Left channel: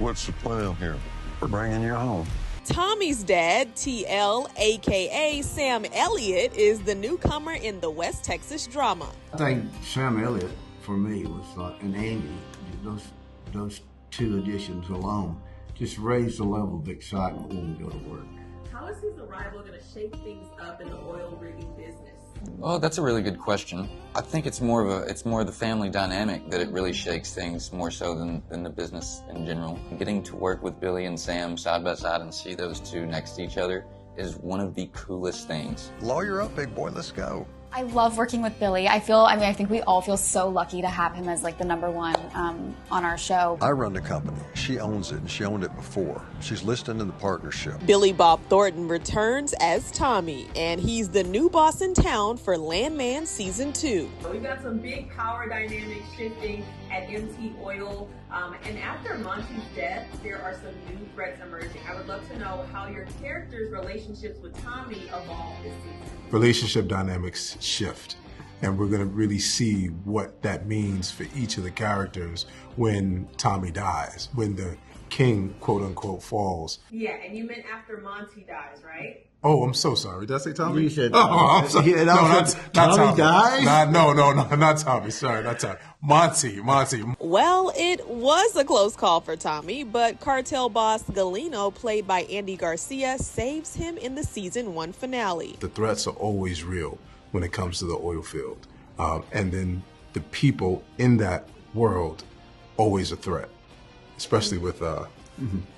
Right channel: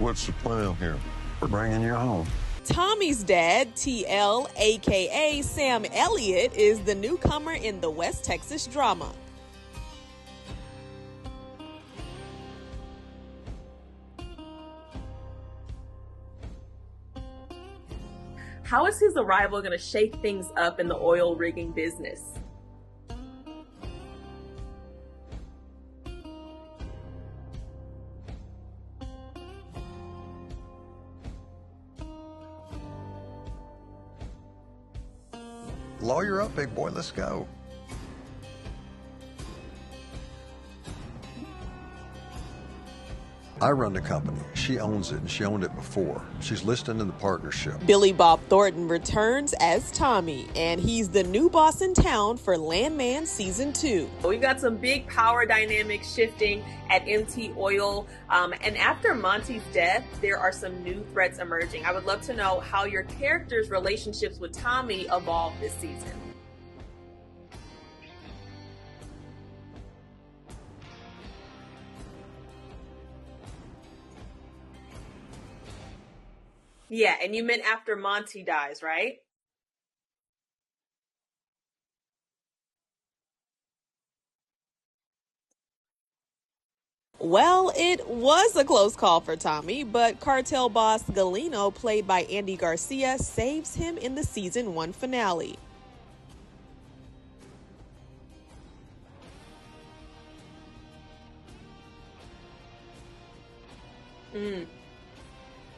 What's the plan here? We're bringing you home. Tommy's dad, TL, aka Sam Elliott, is the newcomer in the West Texas drama. I think Sam Elliott, for me, was and Andy. Those two additions alone just raised the level of excitement when we go to work. How is his arrival going to shake things up in the oil rigging business? Oh, that's a really good question. I think it's more of the family dynamic that it really shakes things more so than the business in general. Getting to work with Billy and Sam side by side and see those two next to each other is one of the coolest things. Lawyer up, big boy, let's go. I love working with Billy. I think we all feel so lucky to have him as like the #1 on our show. I run the company. She owns it, and she owned it before. She's listed in the partnership. Billy Bob Thornton returns as Tommy, and he's the new boss in town for Landman Season 2. We've got some big power dynamics shifting at MT Oil, and after Monty's death, there are some new threats emerging. I would love to know how your characters' relationships with Tommy evolved this season. Relationship dynamics shift, and we're going to really see what that means for each of the characters when Tommy dies, when the king, quote unquote, falls. Yeah, and you meant after Monty dies, right? Oh, I'm so sorry. Did I say Tommy? You said I'm sorry. Yeah, No, not Tommy dies? No, not Tommy. Sorry, not Tommy. Monty. Well, it was a close call for Tommy, but cartel boss Galeno, played by Andy Garcia, saves him in the Season 1 finale. The threats are always real when it comes to the oil field. And then the people in that world, always a threat, especially with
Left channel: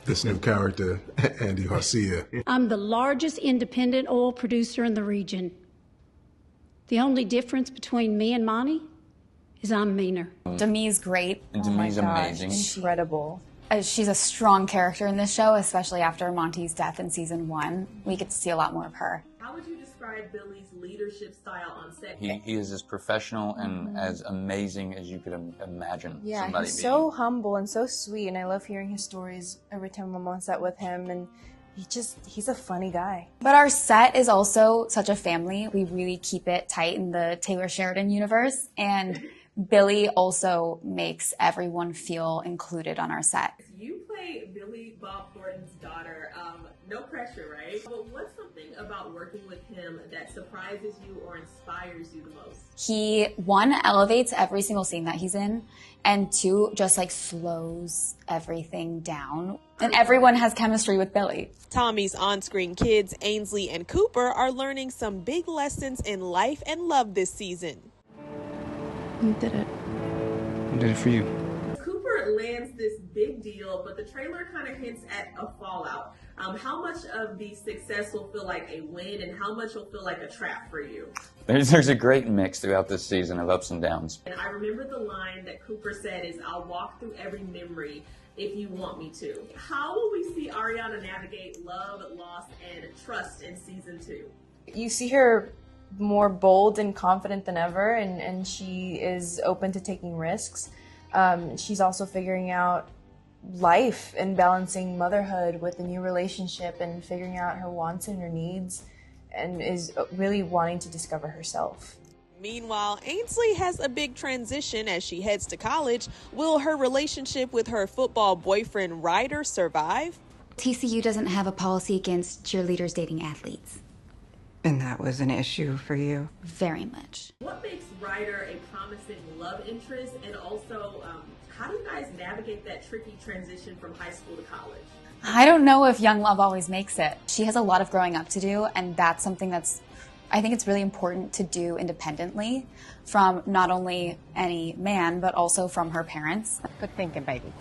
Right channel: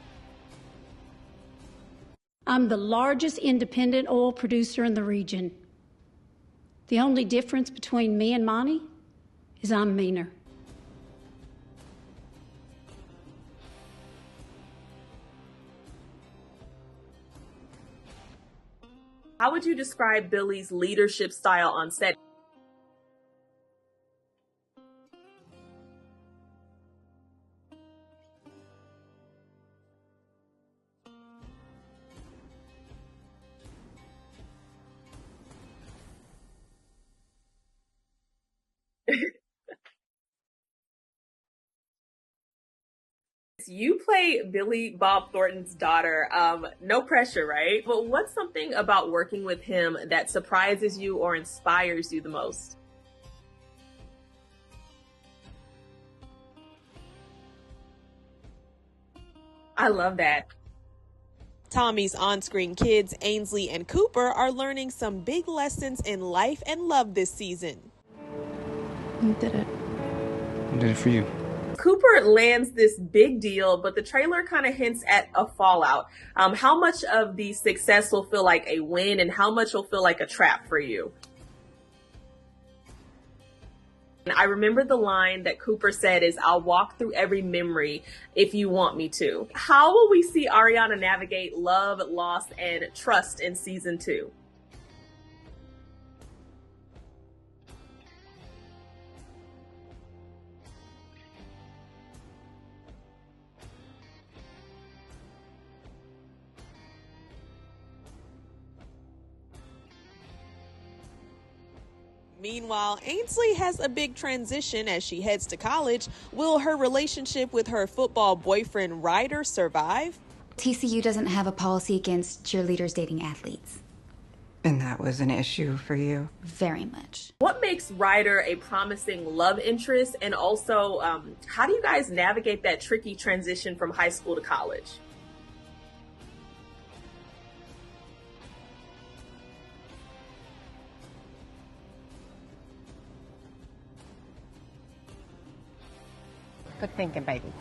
this new character, Andy Garcia. I'm the largest independent oil producer in the region. The only difference between me and Monty is I'm meaner. Demi's great. And Demi's amazing. Incredible. She's a strong character in this show, especially after Monty's death in Season 1. We get to see a lot more of her. How would you describe Billy's leadership style on set? He is as professional and as amazing as you could imagine. Yeah, somebody he's being. so humble and so sweet, and I love hearing his stories every time I'm on set with him, and he's a funny guy. But our set is also such a family. We really keep it tight in the Taylor Sheridan universe, and Billy also makes everyone feel included on our set. You play Billy Bob Thornton's daughter. No pressure, right? But what's something about working with him that surprises you or inspires you the most? He, 1, elevates every single scene that he's in, and 2, just like slows everything down. And everyone has chemistry with Billy. Tommy's on-screen kids, Ainsley and Cooper, are learning some big lessons in life and love this season. You did it. I did it for you. Cooper lands this big deal, but the trailer kind of hints at a fallout. How much of the success will feel like a win, and how much will feel like a trap for you? There's a great mix throughout this season of ups and downs. And I remember the line that Cooper said is, "I'll walk through every memory if you want me to." How will we see Ariana navigate love, loss, and trust in Season 2? You see her more bold and confident than ever, and she is open to taking risks. She's also figuring out life and balancing motherhood with a new relationship and figuring out her wants and her needs, and is really wanting to discover herself. Meanwhile, Ainsley has a big transition as she heads to college. Will her relationship with her football boyfriend Ryder survive? TCU doesn't have a policy against cheerleaders dating athletes. And that was an issue for you? Very much. What makes Ryder a promising love interest, and also how do you guys navigate that tricky transition from high school to college? I don't know if young love always makes it. She has a lot of growing up to do, and that's something I think it's really important to do independently from not only any man, but also from her parents. Good thinking, baby.